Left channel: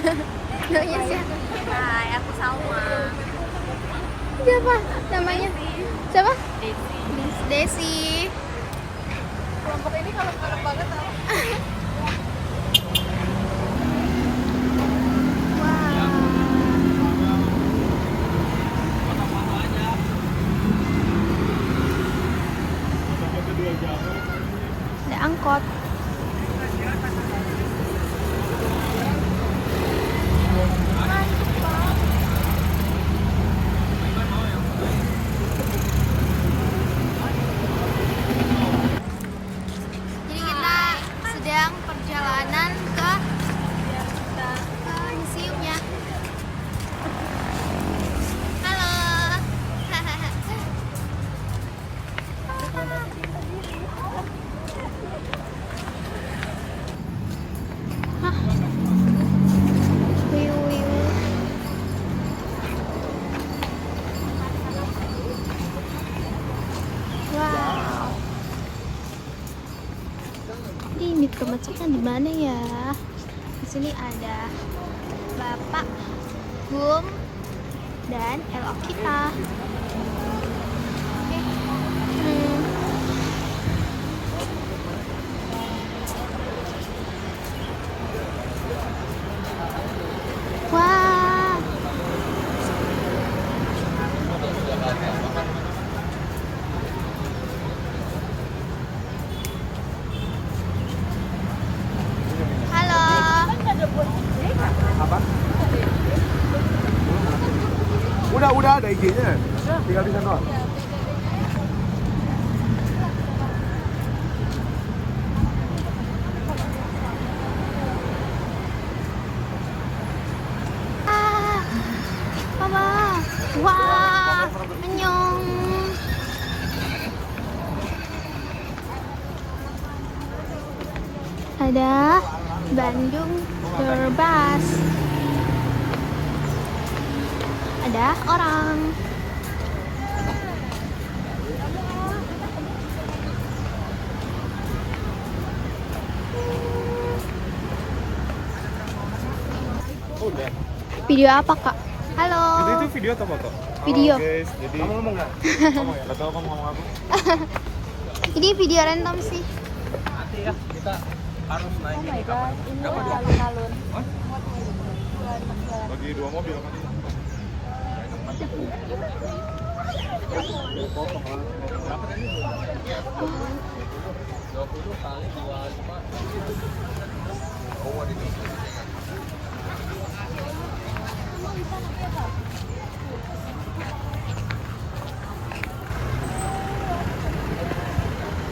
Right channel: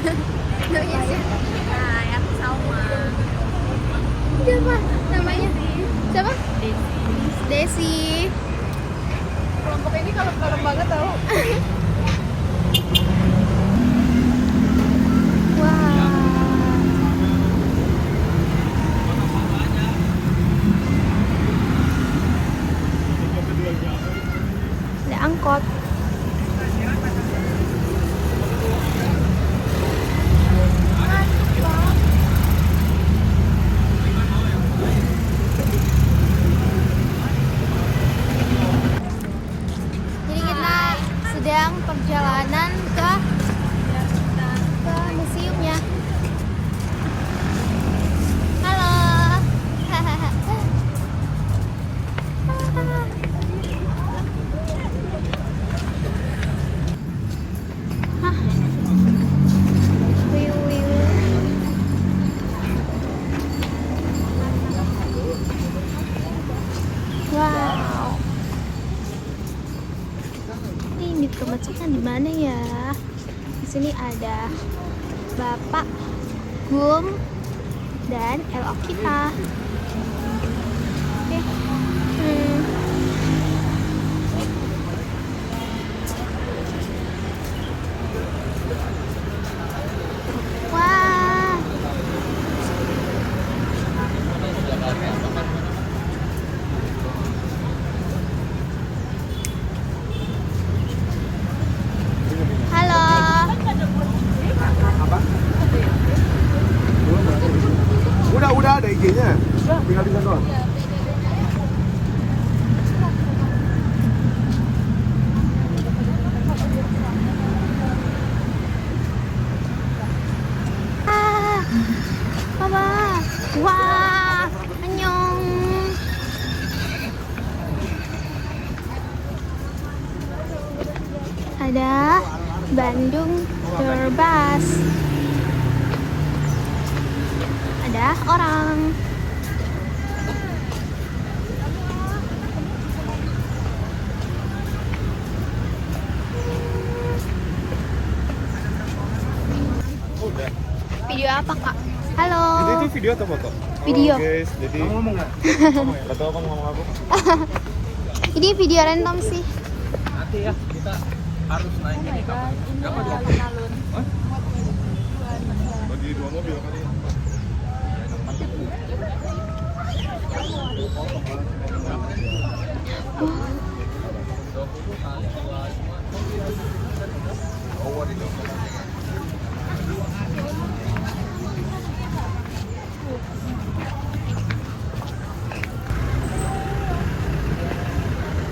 Hai, aku Salma. Siapa namanya? Siapa? Desi. Kelompok ini kalau banget tau. Wah. Ada angkot. Jadi kita sedang perjalanan ke museumnya. Halo. Hah. Wow. Ini masuknya di mana ya? Di sini ada Bapak Gum dan LO kita. Hmm. Wah. Halo. Apa? Udah ada IG-nya. Tinggal di sana doang. Ah, Mama. Wah, annyeong. Ada Bandung Terbas. Ada orang. Video apa, Kak? Halo. Itu video atau foto? Video. Halo guys, jadi ngomong nggak? Gak tau kamu ngomong apa? Jadi video random sih. Nanti ya kita harus naik ini kapan? Kapan dua? Hah? Di dua mobil kali ya?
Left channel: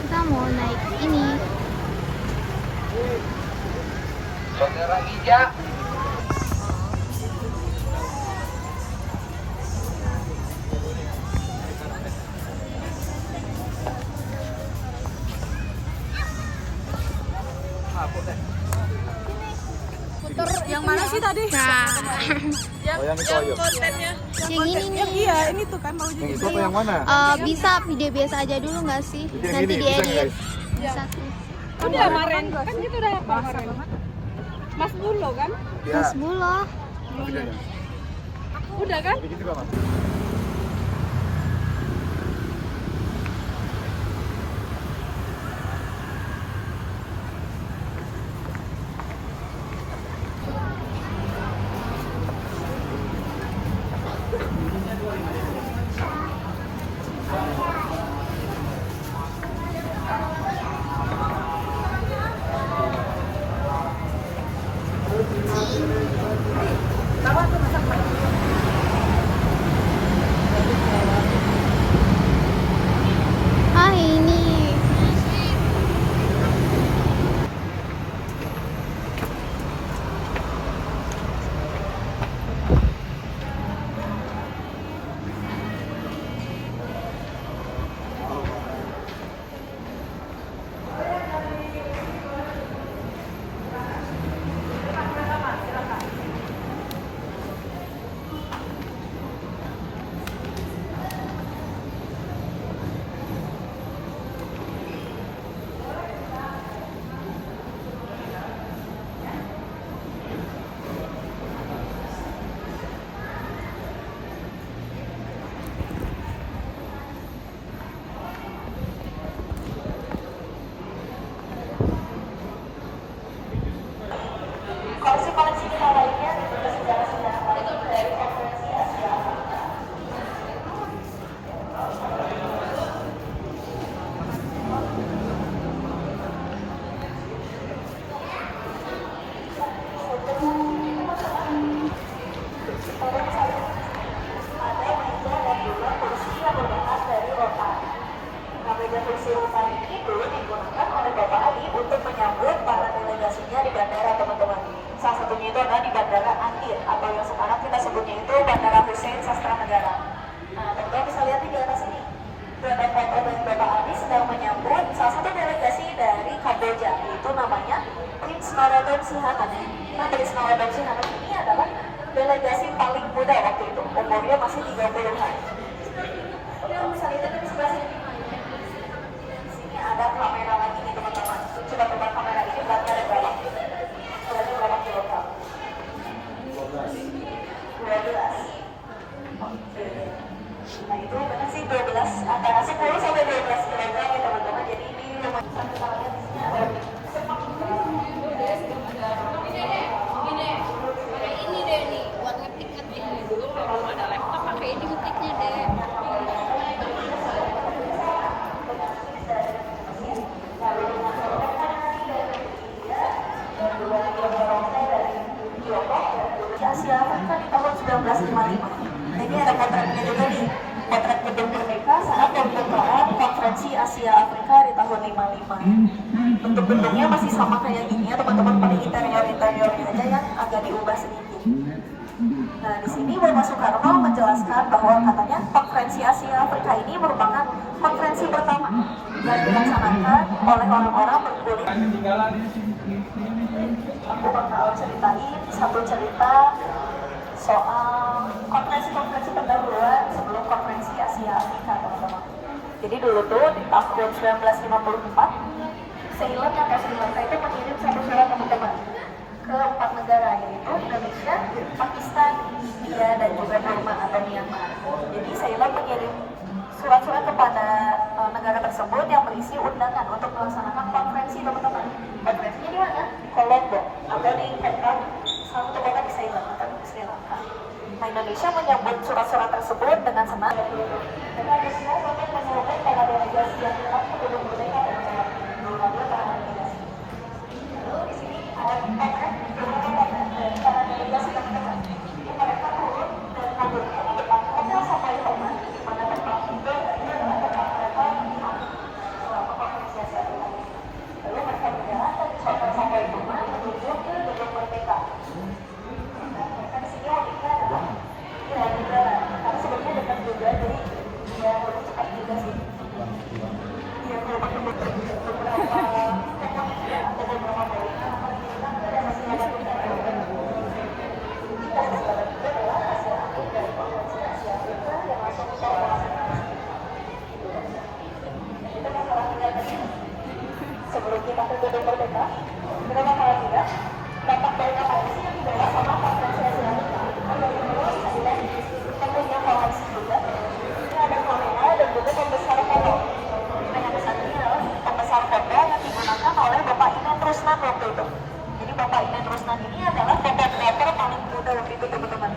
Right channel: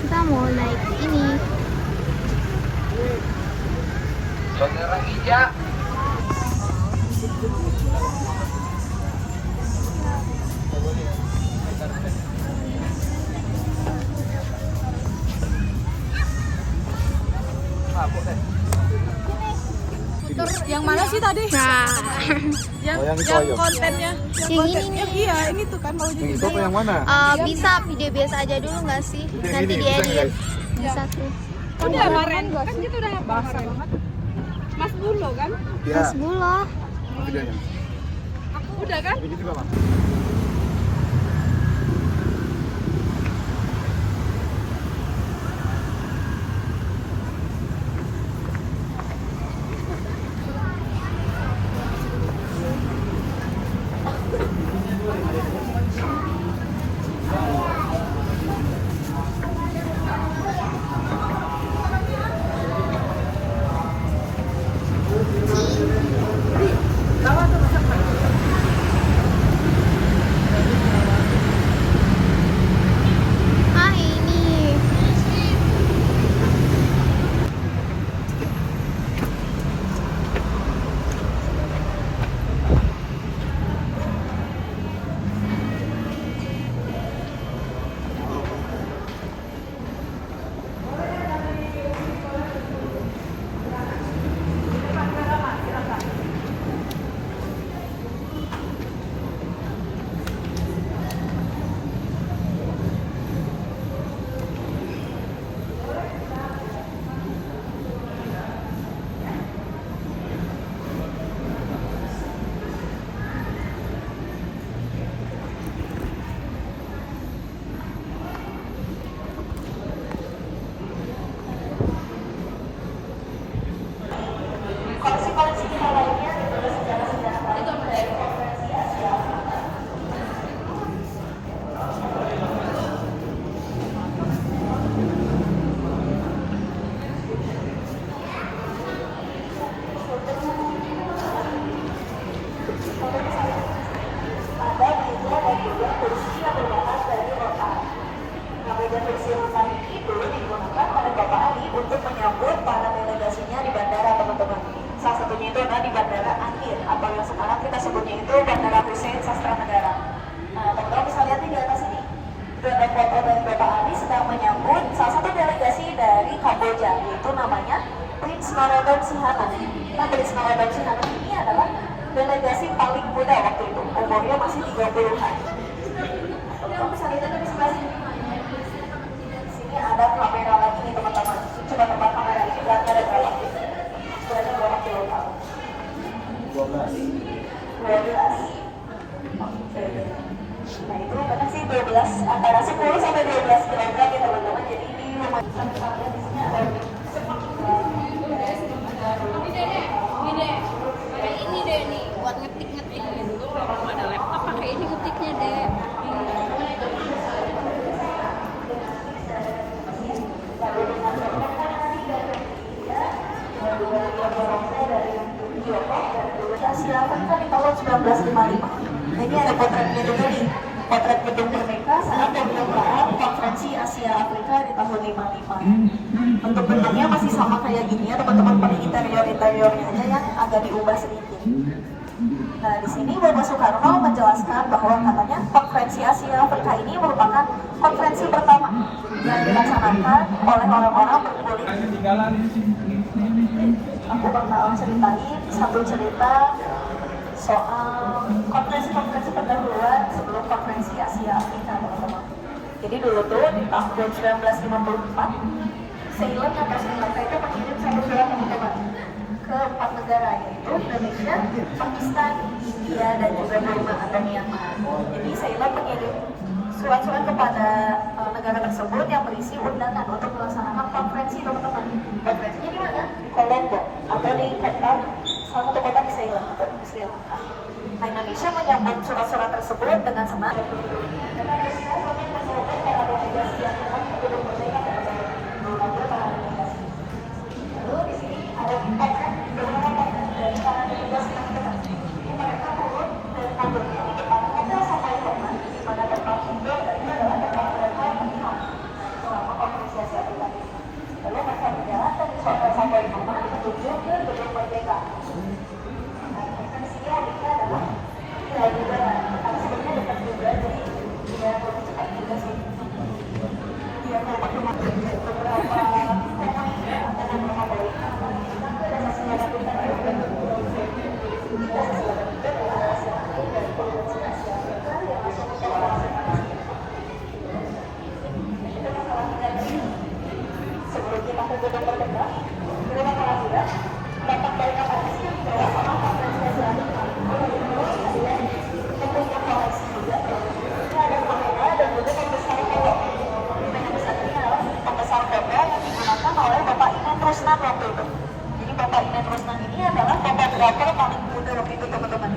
Kita mau naik ini. Saudara Ija, Yang mana sih tadi? Nah, Oh yang itu aja. Kontennya. yang ini nih. Iya, ini tuh kan maunya Yang itu apa yang mana? Bisa video biasa aja dulu nggak sih? Yang Nanti ini, dia bisa, edit. guys. Bisa tuh. kan kemarin kan kita udah basah banget. Mas Bulo kan? Mas Bulo. Videonya. Udah kan? Bikin juga mas. meja kursi rotan ini dulu digunakan oleh Bapak Ali untuk menyambut para delegasinya di bandara, teman-teman. Salah satunya itu ada di Bandara Angkir, atau yang sekarang kita sebutnya itu Bandara Hussein Sastra Negara. Nah, teman-teman bisa lihat di atas ini. Itu ada foto dari Bapak Ali sedang menyambut salah satu delegasi dari Kamboja, yaitu namanya Prince Norodom Sihanouk. Nah, Prince Norodom Sihanouk ini adalah delegasi paling muda waktu itu, umurnya masih 30-an. Teman-teman bisa lihat di sebelah sini. Sini ada kamera lagi nih teman-teman. Coba tempat kamera ini belakang ada berapa? Sudah ada berapa kilogram? 12. Nah itu benar sih 12, antara 10 sampai 12 kilogram ya teman-teman. Jadi ini lumayan besar ya di sini ada. Asia Afrika di tahun 1955. Nah, ini ada potret gedung ini, potret gedung Merdeka saat pembukaan konferensi Asia Afrika di tahun 55. Bentuk bentuknya masih sama kayak gini ya teman-teman, paling interior-interiornya aja yang agak diubah sedikit. Nah di sini Bapak Soekarno menjelaskan bahwa katanya konferensi Asia Afrika ini merupakan konferensi pertama yang dilaksanakan oleh orang-orang berkulit. Aku bakal ceritain satu cerita soal konferensi pendahuluan sebelum konferensi Asia Afrika, teman-teman. Jadi dulu tuh di tahun 1954, Ceylon atau Sri Lanka itu mengirim satu surat kemerdekaan ke 4 negara, yaitu Indonesia, Pakistan, India, dan juga Burma atau Myanmar. Jadi Ceylon mengirim surat-surat kepada negara tersebut yang berisi undangan untuk melaksanakan konferensi, teman-teman. Konferensinya di mana? Di Colombo atau di Kedah, salah satu kota di Ceylon atau di Sri Lanka. Nah, Indonesia menyambut surat-surat tersebut dengan senang. Lalu di sini ada dari para delegasi teman-teman. Mereka turun dari kantornya di depan hotel sampai rumah, di mana tempat tinggal dan ini adalah tempat mereka menginap selama konferensi Asia Afrika. Lalu mereka berjalan dari hotel sampai rumah menuju ke gedung Merdeka. Dan mereka di sini adiknya adalah juga, karena sebenarnya dekat juga, jadi dia perlu cepat juga sih. Dia merupakan beberapa atau beberapa balik. Dan masih ada juga sebelum kita ke gedung Merdeka, berapa kali ya? Dapat banyak koleksi bersama konferensi Asia Afrika. Kita punya koleksi juga. Ini ada kamera dan juga pembesar foto. Yang besar ini adalah pembesar foto yang digunakan oleh Bapak Inen Rusnan waktu itu. Jadi Bapak Inen Rusnan ini adalah fotografer paling muda waktu itu, teman-teman.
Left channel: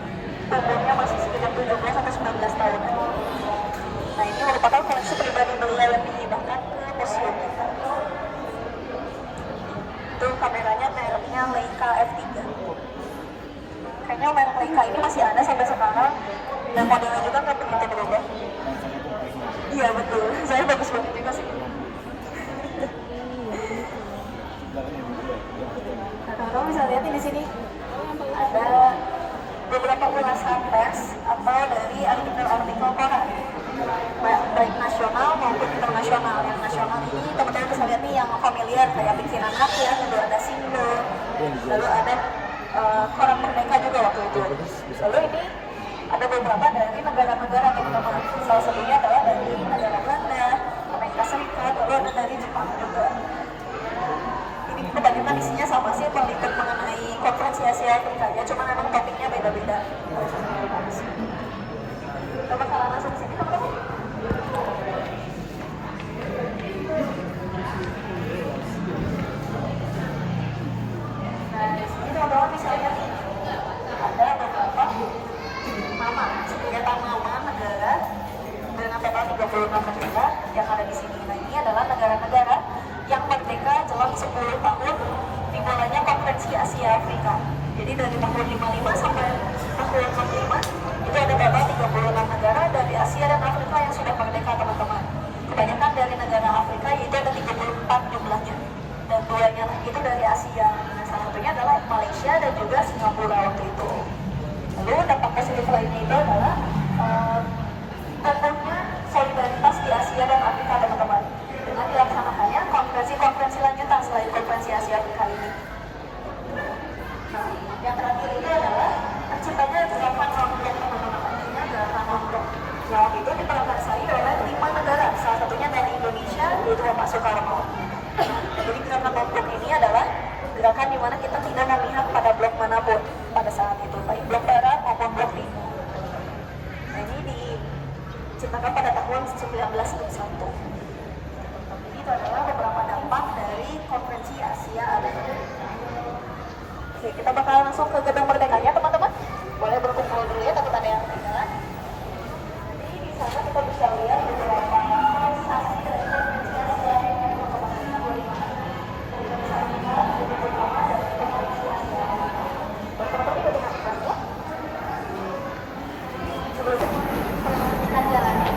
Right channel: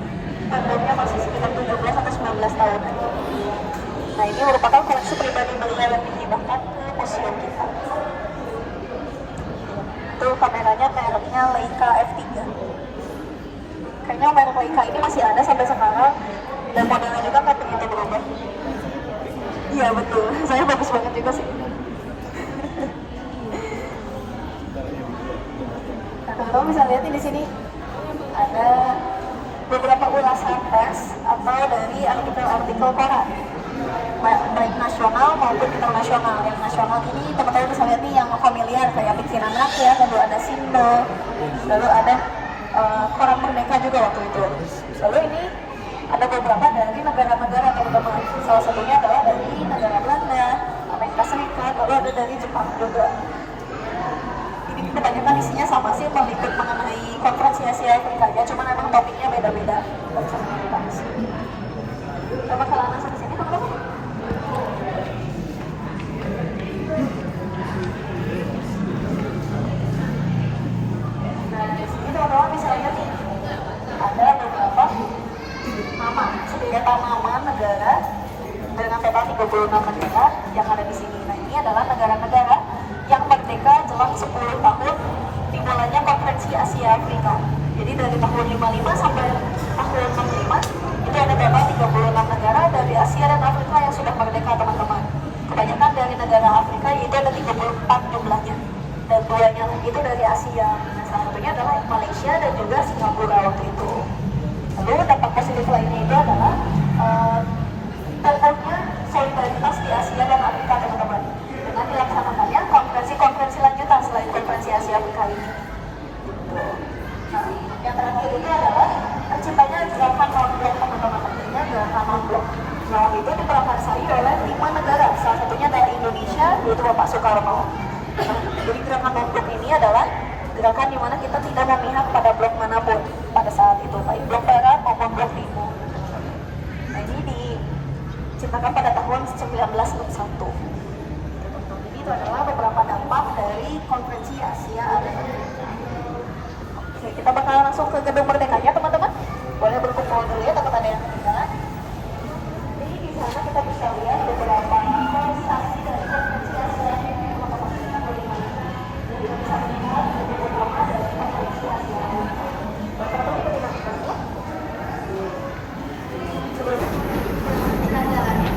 Umurnya masih sekitar 17 atau 19 tahun. Nah ini merupakan koleksi pribadi beliau yang dihibahkan ke museum kita. Itu kameranya mereknya Leica F3. Kayaknya merek Leica ini masih ada sampai sekarang dan modelnya juga nggak begitu berubah. Iya betul, saya bagus banget juga sih. Nah, teman-teman bisa lihat di sini ada beberapa ulasan pers atau dari artikel-artikel koran, baik nasional maupun internasional. Yang nasional ini teman-teman bisa lihat nih yang familiar kayak Bikin Anak ya, lalu ada Sindo, lalu ada koran Merdeka juga waktu itu. Lalu ini ada beberapa dari negara-negara teman-teman. Salah satunya adalah dari negara Belanda, Amerika Serikat, lalu ada dari Jepang juga. Ini kebanyakan isinya sama sih, meliput mengenai konferensi Asia Afrika ya, cuma memang topiknya beda-beda. Kita bakal langsung ke sini teman-teman. Nah di sini teman-teman bisa lihat nih, ada beberapa nama, sedetan nama negara dengan total 36 negara yang ada di sini. Nah ini adalah negara-negara yang merdeka jelang 10 tahun dimulainya konferensi Asia Afrika. Jadi dari tahun 55 sampai tahun 65 itu ada total 36 negara dari Asia dan Afrika yang sudah merdeka, teman-teman. Kebanyakan dari dari negara Afrika, yaitu ada 34 jumlahnya. Dan 2-nya lagi itu dari Asia. Nah, salah satunya adalah Malaysia dan juga Singapura waktu itu. Lalu dampak positif lainnya itu adalah tumbuhnya solidaritas di Asia dan Afrika, teman-teman. Dengan dilaksanakannya konferensi-konferensi lanjutan selain konferensi Asia Afrika ini. Nah, yang terakhir itu adalah terciptanya gerakan non-blok, teman-teman. Artinya gerakan non-blok. Yang itu diprakarsai oleh 5 negara, salah satunya adalah Indonesia, yaitu Bapak Soekarno. Nah, jadi gerakan non-blok ini adalah gerakan di mana kita tidak memihak pada blok manapun pada saat itu, baik blok barat maupun blok timur. Nah, ini diciptakan pada tahun 1961. Jadi itu adalah beberapa dampak dari konferensi Asia. Oke, kita bakal langsung ke gedung merdekanya, teman-teman. Boleh untuk dulu ya, teman-teman yang berjalan. Jadi di sana kita bisa lihat beberapa realisasi dari konferensi Asia, teman-teman. Kita bisa melihat beberapa dari konferensi Asia. Teman-teman kita bisa lihat ya. Sebelumnya kita jalannya.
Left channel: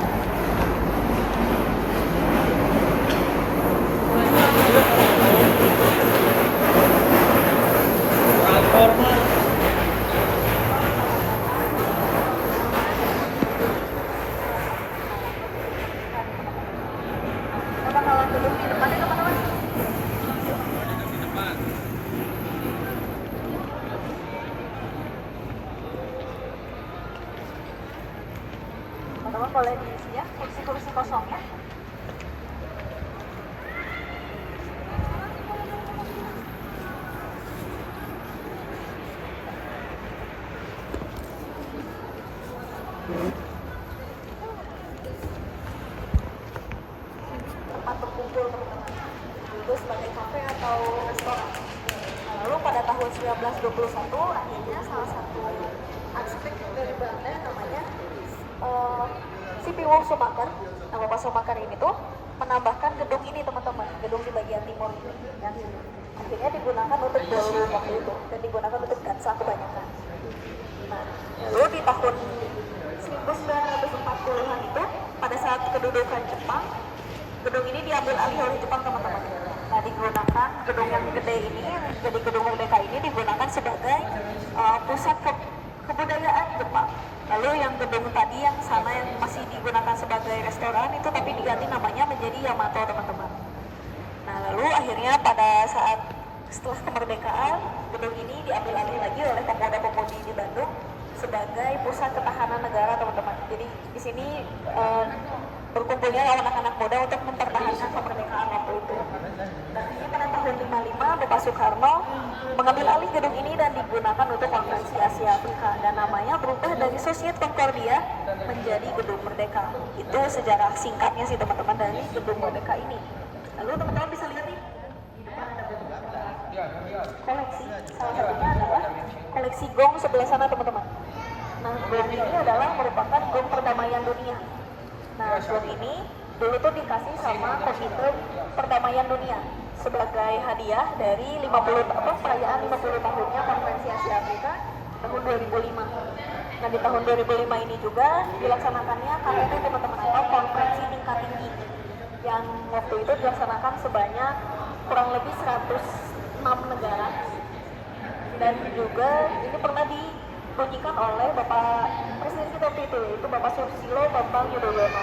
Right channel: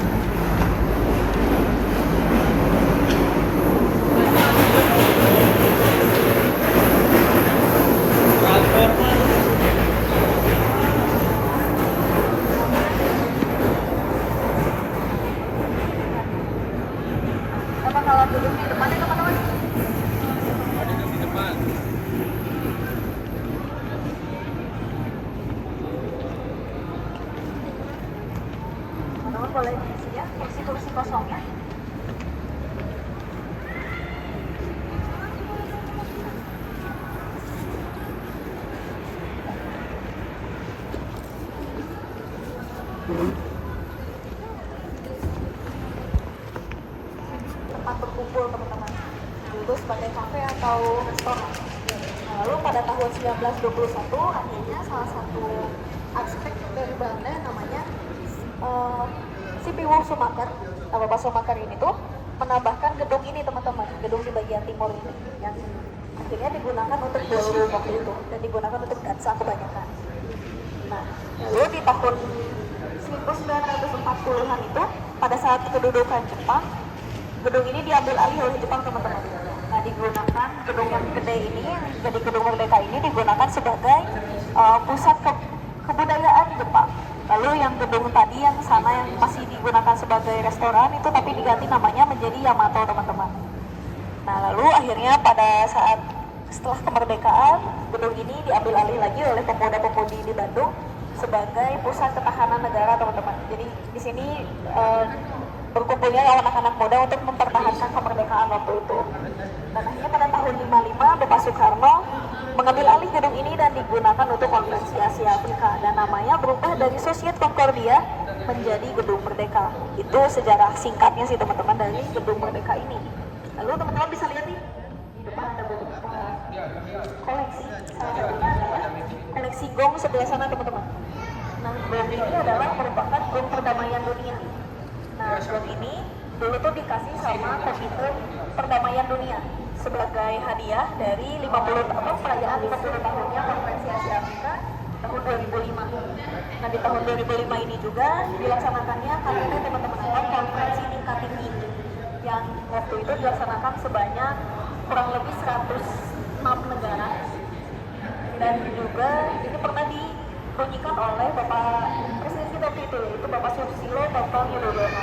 Kita bakalan duduk di depan nih, teman-teman. Teman-teman boleh diisi ya kursi-kursi kosongnya. Tempat berkumpul, teman-teman, dulu sebagai kafe atau restoran. Nah, lalu pada tahun 1921 akhirnya salah satu arsitek dari Belanda namanya C.P. Ward Schumacher. Nah, Bapak Schumacher ini tuh menambahkan gedung ini, teman-teman, gedung di bagian timur ini yang akhirnya digunakan untuk ballroom waktu itu dan digunakan untuk dansa kebanyakan. Nah, lalu di tahun 1940-an itu pada saat kedudukan Jepang, gedung ini diambil alih oleh Jepang, teman-teman. Nah, digunakan gedung yang gede ini, jadi gedung Merdeka ini digunakan sebagai pusat kebudayaan Jepang. Lalu yang gedung tadi yang sana yang masih digunakan sebagai restoran itu tapi diganti namanya menjadi Yamato, teman-teman. Nah, lalu akhirnya pada saat setelah kemerdekaan, gedung ini diambil alih lagi oleh pemuda-pemudi di Bandung sebagai pusat ketahanan negara, teman-teman. Jadi di sini berkumpulnya anak-anak muda untuk mempertahankan kemerdekaan waktu itu. Dan akhirnya pada tahun 55 Bapak Soekarno mengambil alih gedung ini dan digunakan untuk konferensi Asia Afrika, dan namanya berubah dari Societe Concordia menjadi Gedung Merdeka. Itu sejarah singkatnya sih, teman-teman, dari Gedung Merdeka ini. Lalu teman-teman bisa lihat nih di depan ada beberapa koleksi. Salah satunya adalah koleksi gong sebelah sana, teman-teman. Nah, gong ini adalah merupakan gong perdamaian dunia. Nah, gong ini dulu tuh dikasih sama Komite Perdamaian Dunia sebagai hadiah dari 50 tahun perayaan 50 tahunnya konferensi Asia Afrika tahun 2005. Dan di tahun 2005 ini juga dilaksanakannya KTT, teman-teman, atau konferensi tingkat tinggi yang waktu itu dilaksanakan sebanyak kurang lebih 106 negara. Dan juga ini pernah dibunyikan oleh Bapak Presiden kita itu, yaitu Bapak Susilo Bambang Yudhoyono.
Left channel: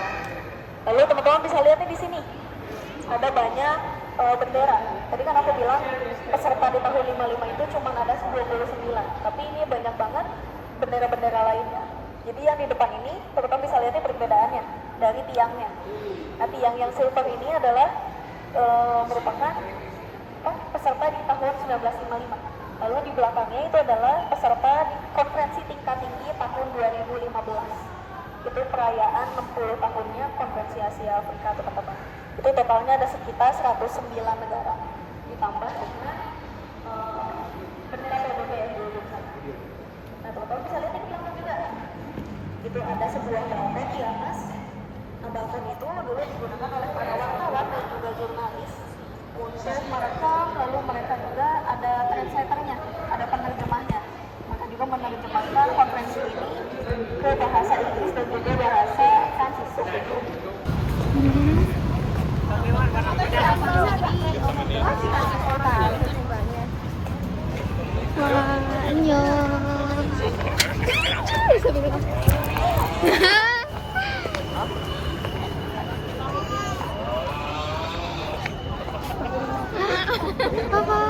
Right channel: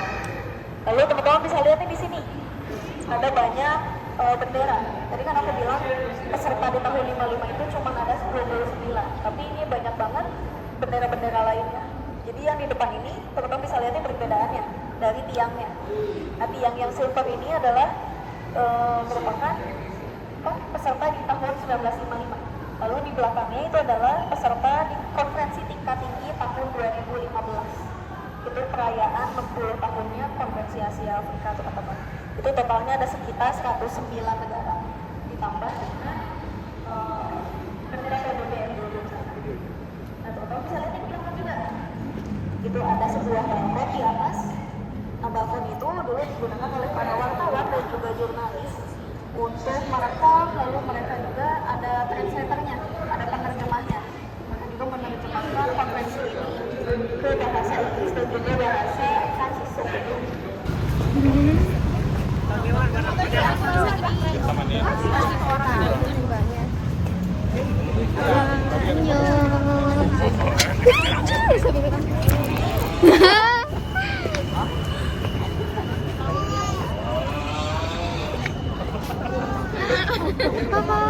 Lalu teman-teman bisa lihat nih di sini ada banyak bendera. Tadi kan aku bilang peserta di tahun 55 itu cuma ada 99, tapi ini banyak banget bendera-bendera lainnya. Jadi yang di depan ini teman-teman bisa lihatnya perbedaannya dari tiangnya. Nah, tiang yang silver ini adalah merupakan peserta di tahun 1955. Lalu di belakangnya itu adalah peserta di konferensi tingkat tinggi tahun 2015. Itu perayaan 60 tahunnya konferensi Asia Afrika, teman-teman. Itu totalnya ada sekitar 109 negara ditambah dengan bendera PBB Indonesia. Nah, teman-teman bisa lihat di belakang juga. Itu ada sebuah barcode di atas. Nah, barcode itu dulu digunakan oleh wartawan dan juga jurnalis untuk merekam, lalu mereka juga ada translatornya, ada penerjemahnya. Mereka juga menerjemahkan konferensi ini ke bahasa Inggris dan juga bahasa Prancis. Wah, annyeong. Papa.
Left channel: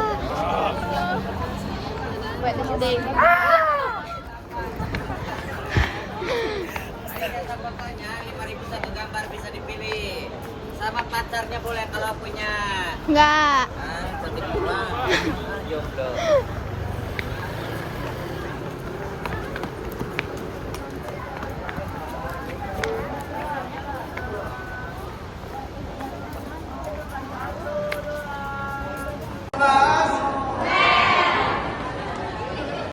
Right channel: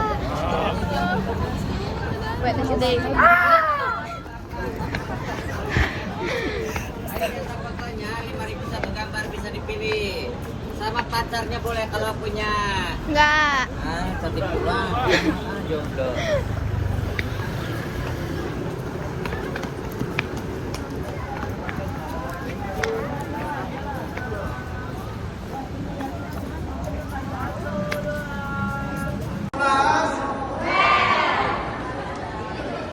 Bisa dipilih sama pacarnya boleh kalau punya. Enggak. Cantik pula.